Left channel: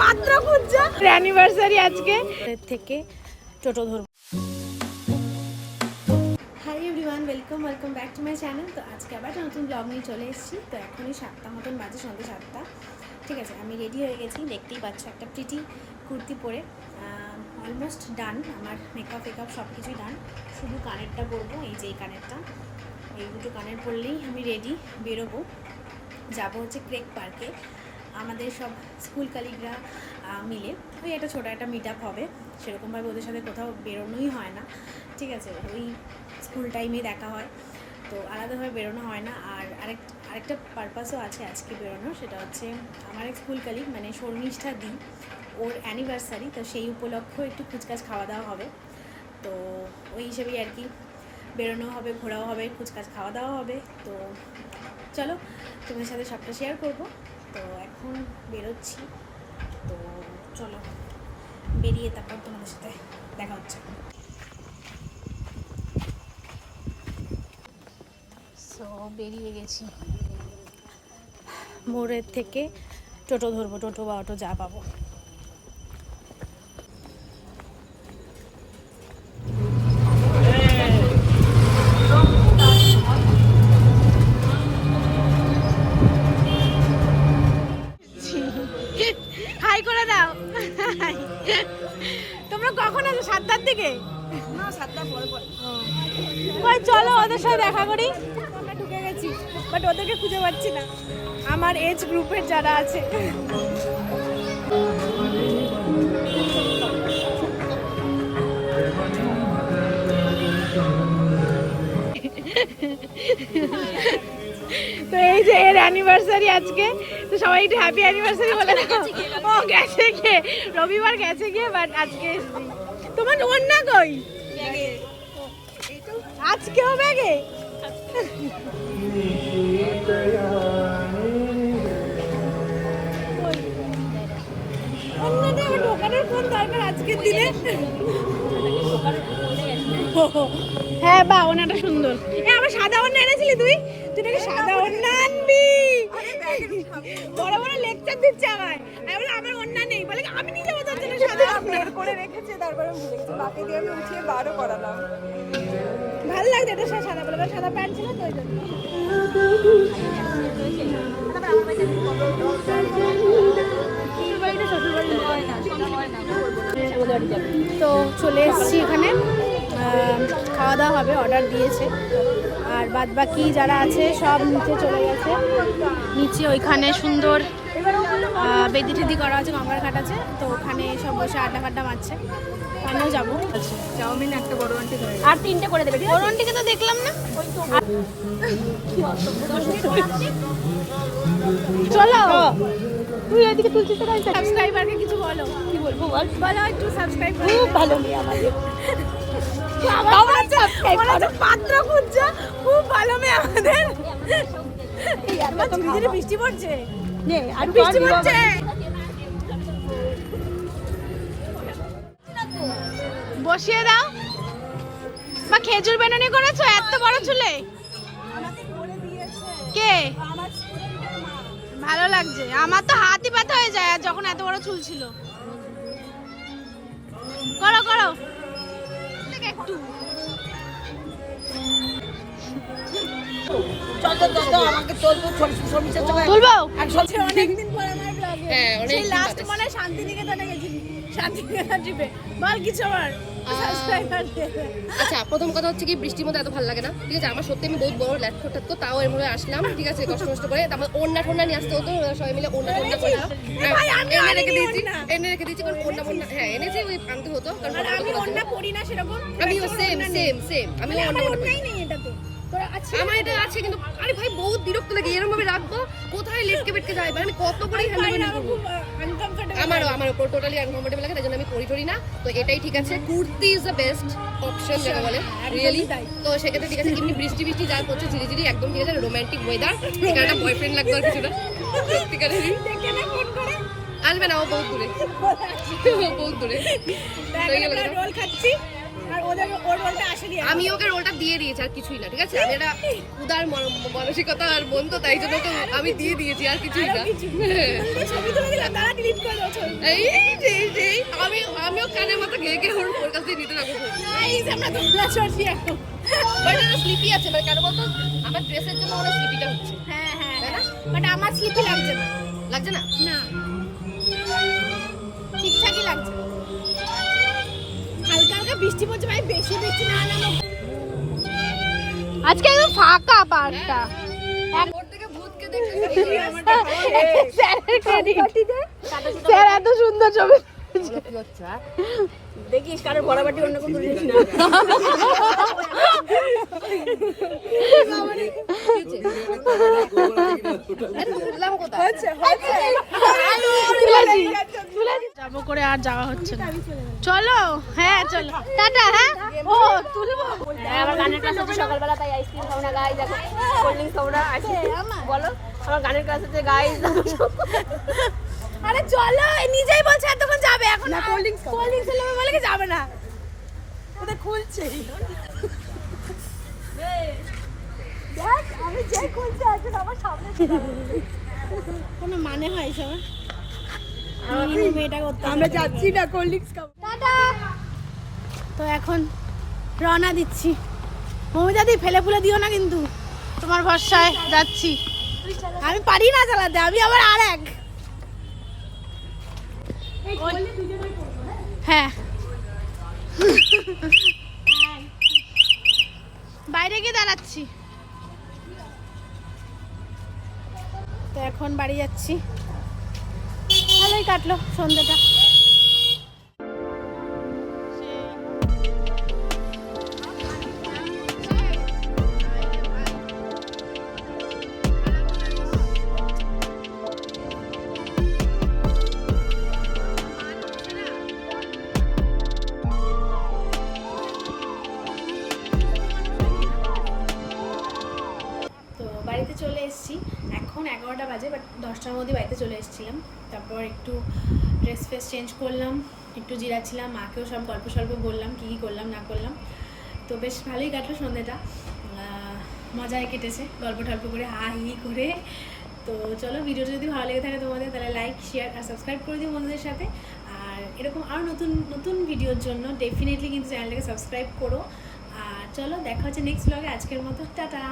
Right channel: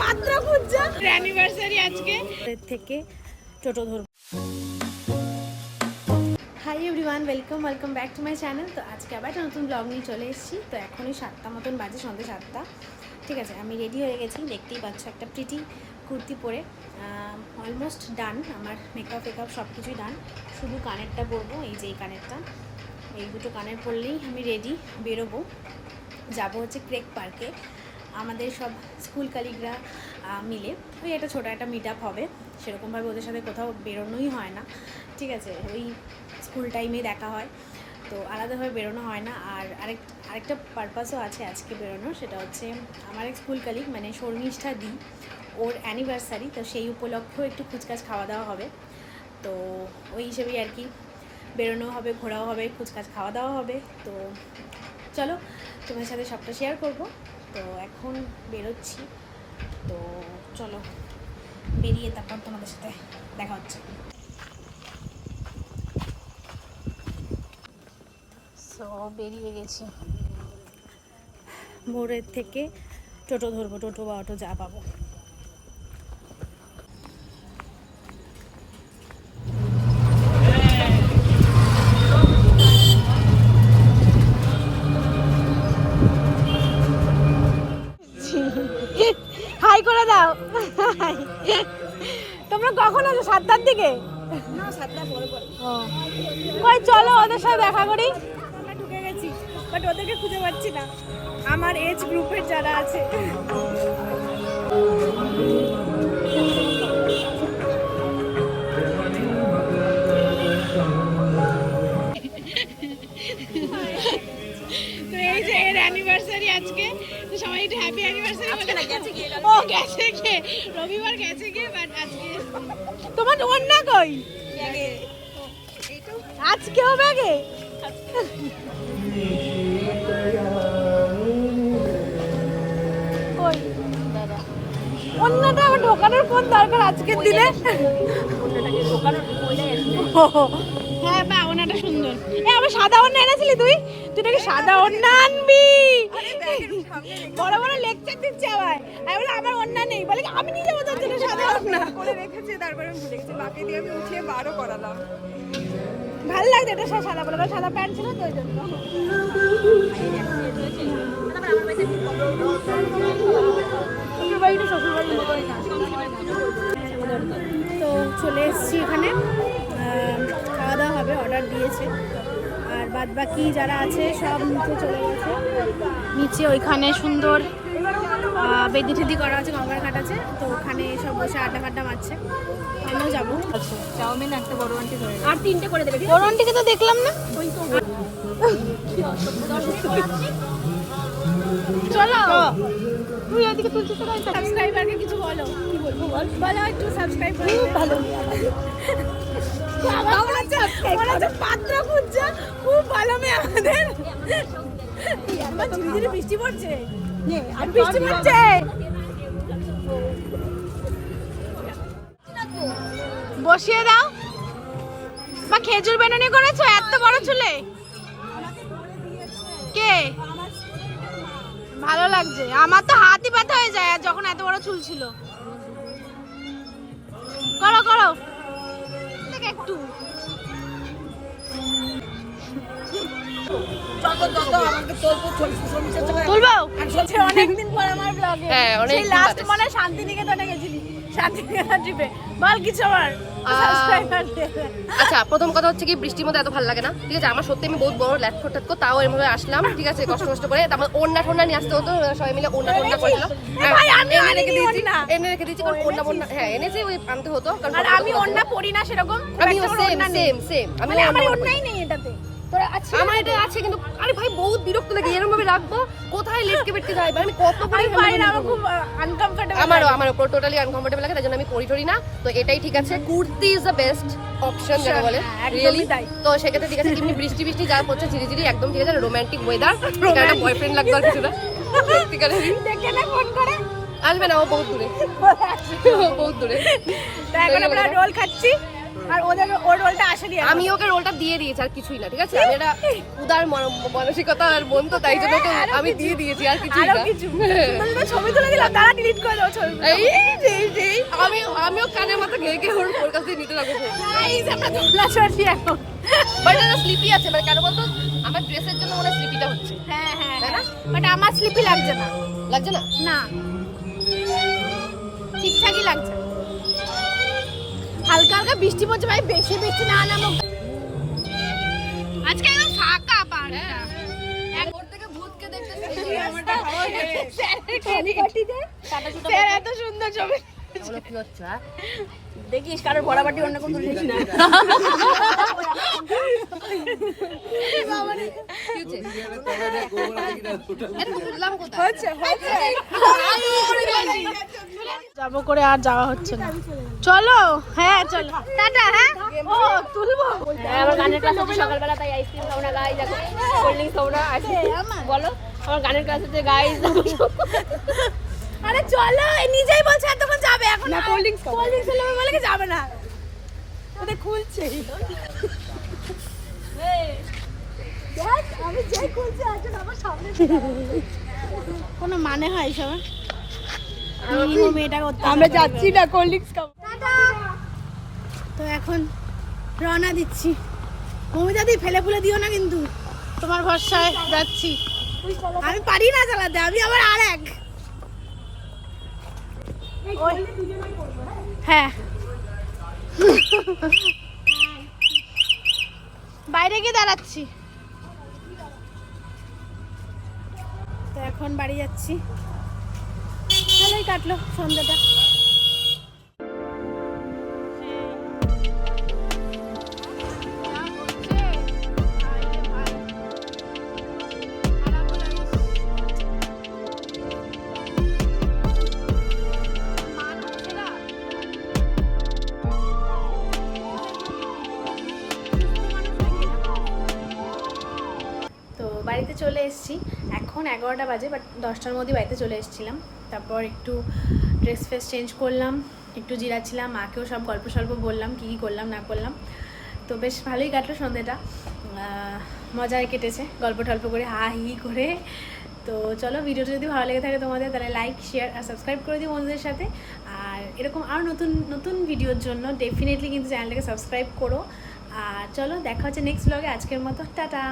পাত্র খুঁজছে অ্যানিভার্সারি আজকে থেকে টোটো ধরবো। Hi everyone, welcome back to my channel. তো আজকে আবার একটা নতুন ব্লগ নিয়ে চলে এসেছি। তো এখনই 7টা মতন বাজে, সন্ধ্যে 7টা। ঠিক আছে, আমি রেডি হয়ে গেছি, দেখতেই পাচ্ছ একটা প্রিটি কুর্তি পরে। অলমোস্ট ডান, আমার মেকআপ সব কিছুই ডান, শুধু কানেরটা পরবো। এই যে এই কানেরটা, এই দুটো কানের পরলেই আমি রেডি, বেরোবো। যাবো হচ্ছে ক্রেক পার্কে, আমাদের সব স্কুল কালিগরা মিলে ওই একটা ছোটো একটা মিট আপ হবে। সেরকমভাবে ওদের সাথে কোথাও বেরোনোই হয় না, ঠিক আছে, ওই স্কুল টাইমে দেখা হয়, তো আলাদাভাবে বেরোনো হয় না। আর আরেকটা পারপাসও আছে আজকে বেরোনোর, সেটা হচ্ছে আমার এক স্কুল কালিগ মানে শর্মিষ্ঠা দি, ওর অ্যানিভার্সারি, তো সেই উপলক্ষেও একটু কুচকাচ খাওয়া দাওয়া হবে। তো ওই হিসেবেই আর কি বেরোনো হবে, ঘোরাও হবে, কুচকাচ খাওয়া দাওয়া হবে। তো চলো তোমাদের সাথে সবটা শেয়ার করবো। তো এখন বেরোচ্ছি, তো চলো বেরিয়ে তারপর তোমাদের সাথে দেখা হচ্ছে। তো বেরিয়ে গেছি, মোড়ের থেকে টোটো ধরবো, টোটো বা অটো যা পাবো। হাই করে দাও। তোমরা কখন আসো? 7টার দিকে? না, 7টার পরে পরে। কই চলো ওদের সাথে দেখা করি। আমরা ঢুকে গেছি, বাট ওদেরকে খুঁজে পাচ্ছি না, আমার এজ গ্রুপের যারা আছে। তো এই যে এর অ্যানিভার্সারি আজকে, তো সবাই একটু হ্যাপি অ্যানিভার্সারি বলে। ও গেছে গিয়ে, রবিবার গেছে গিয়ে, বাট আজকে তোমার ওন্না কই? আজকেও ব্যাগে? ওন্নাটা আবার ঢোকানোর কোন দরকার আজকের দিনে? হ্যাঁ বা, ওনাটা সুন্দর। আমি সাদা ওন্না এনেছিলি তুই নাকি সাদা ওন্না আনবি? বড় বড় লেকচার দিচ্ছে আমায়। আমি বলে আমার ওন্না নেই, বলে আমি নিয়ে যাবো তোর জন্য সাদা ওন্না করে রেখেছে, তারপরে ভুলে গেছি, মাকে দিয়ে আমি উঠিয়ে বারও করালাম। ভালো লাগছে এটা, সাদা বলে সাদা প্যান্ট ছিল তো ওই জন্য। তো চলে এসেছি এখানে, খাওয়া দাওয়া হবে, অর্ডার দিয়েছে। আর বাদ বাকি যারা আছে সব নিচে চলে গেছে। নিচে ওইখানে সুন্দর বেদি টেদি করা আছে, গঙ্গার ঘাট আছে, তো ওখানে সব বসে আড্ডা ফাড্ডা মারছে। আমিও যাবো। চাউমিন একটা বড় আন্টি আর 3টে করে দেবে। বড় আন্টিকে তো দেখলাম না। চলো তুই এদিকে, তুই সাবস্ক্রাইবারকে কিছু বলো। কি বলবো? বলো একটু সাবস্ক্রাইব করো। খুব ভালো মেয়ে আমাদের, পাত্র খুঁজছে, খুব ভালো মেয়ে আমাদের। ধীরে ধীরে বৃষ্টি পড়ছে, আর বৃষ্টি পড়ছে। বসিয়ে দাও বা খেজুর বেনানি করেছো এত বড় চুলে? কে? ভালো লাগছে, আমার তো হাতই ব্যথা হয়ে যায় যখন এত বড় চুল ছিল। করো করো একটু। অনেকদিন পর আমার ব্লগে, সেই লাস্ট মনে শান্তিনিকেতনে গেছিলি, শান্তিনিকেতন ট্রিপে। বল কিছু আমার সাবস্ক্রাইবার। আচ্ছা, প্রথম কথা হচ্ছে কি, বৃষ্টির মধ্যে এত ভালো লাগে না, ঠিক আছে। আমার সত্যি আমি বহুত বড় ল্যাপটপ টাটকো, তাও এর মধ্যে আসলাম, ঠিক আছে, কষ্ট করে। তারপর ওন্না টোন্না নিয়ে আসতে হতো, সবাই মিলে ওন্না টোন্না করেছিল। এনে রেখে দিয়েছি, কারণ ওন্না হ্যাঁ এনেছি, ওই আনতে হতো। আর আমি ওন্না পরি না সেরকম, আমি সেম আমার ওন্নাই নেই এটাতে। আমার এটা আছে কিন্তু, আরে ভাই বহুত বিরক্ত লাগে, এরকম ভাবে রাখবো কোথায় লেটকে বেটকে যায়, আমি কত পারি না, আমার খুব আনকমফোর্টেবল। আমার উপর টোটালি আনকমফোর্টেবল লাগে, তাই জন্য আমি পরি না। তো এটাই ঠিক আছে, kurti is the best option যেটা বলে, রিয়েলি তাই। তো সেক্ষেত্রে ঠিক আছে, এমনি বৃষ্টি যা পড়ছে ঝিরিঝিরি, একদম ঠিক আছে, রোমান্টিক ওয়েদার। একটা বয়ফ্রেন্ড লাগবে আর কিছু না, ঠিক আছে। ফোন করে আসবে না, ও বহুত দূরে, ও বহুত দূরে। এখন আমরা রোল খাচ্ছি, আর ওর রোলটা আসেনি। আমি ওকে রোলটা দিয়ে দিয়েছি আর কিছুই না, ঠিক আছে? আমি এটা উদার মানসিকতা আর মন তো, তাই জন্য তো আমি দিয়ে দিয়েছি আর কিছুই না। ছবি তুলে দিলাম, তারা ডিলিট করে দাও ছবি। আমিও কানের মতো ঘেকে ওর কাছ থেকে নিতে লাগবো। গাইস আমরা দোলা চড়ছি এখন। বাট এটা স্লিপি আছে, মানে কেন বলতো আমার ড্রেসের জন্য ওরা স্লিপিটা হচ্ছে। হ্যাঁ হ্যাঁ তাই না? বাট আমার স্লিপি লাগছে না। লাগছে না? না ঠিকঠাকই লাগছে। হালকা হালকা বৃষ্টি পড়ছে ভাই, বেশি বৃষ্টি না নামো। আজকে একদম ফাঁকা পার্কটা। ওর থেকে ভূতকে দেখতে স্যার এত সুন্দর ছবি দেখিস, কারোর ভরাবাটি অন্য কোনো জিনিস না। যাবো করে আর যাওয়া হচ্ছে না। চলো হ্যাঁ চলো টাটা। হ্যাঁ ও তুলবো। গানের ক্লাস হচ্ছে সকালবেলা, তাই আইসক্রিম খাবো না গাইজ, দেখো কোল্ড ড্রিঙ্কস খাবো না। বলো আমার গানের ক্লাস হচ্ছে গাইজ। আরে চলো, নিজেই বলছে এতক্ষণ যাবে, এখন কোল্ড ড্রিঙ্কস নেবে বলে কি যাবে না। ওটা খুলছে দেখ, আমি যেই খুলছে একজন আমার সামনে। কোনো মানে হয় এসব? মিনিমাম এটা করতে আমরা যাচ্ছি না, কোল্ড ড্রিঙ্কস খাবো। টাটা। তো এখন রওনা দিচ্ছি। মমিতাদি ফেলে ফুলে দিও না কিন্তু, তোমার ভরসায় যাচ্ছি। আমি পারি না চালাতে, আমি আবার আর এক। হ্যাঁ বাইরে গিয়ে দাঁড়াচ্ছি। তো এখন বাড়ি যাচ্ছি। ভালোই কাটলো সন্ধ্যাটা। তো বাড়িতে চলে এসেছি, এখন 11টা বাজে, বাট 10টার মধ্যে বাড়িতে চলে এসেছিলাম। তারপর একটু ড্রেস ফ্রেস চেঞ্জ করলাম, একটু জিরাচ্ছিলাম, মাকেও সব গল্প সল্প বললাম কী কী করলাম না করলাম। তো বেশ ভালোই কাটলো সন্ধ্যেটা, মজায় কেটেছে গল্প টল্প করে, হা হি করে। তো চলো, ভিডিওটা যদি ভালো লেগে থাকে তোমাদের, তাহলে লাইক শেয়ার আর সাবস্ক্রাইব করে দিও বন্ধুদের সাথে। আর এরকম আরও নতুন নতুন ভিডিওর জন্য ডেফিনেটলি কিন্তু চ্যানেলটাকে সাবস্ক্রাইব করো। আর চলো, দেখা হচ্ছে নেক্সট ব্লগে। আজকের মতো টাটা।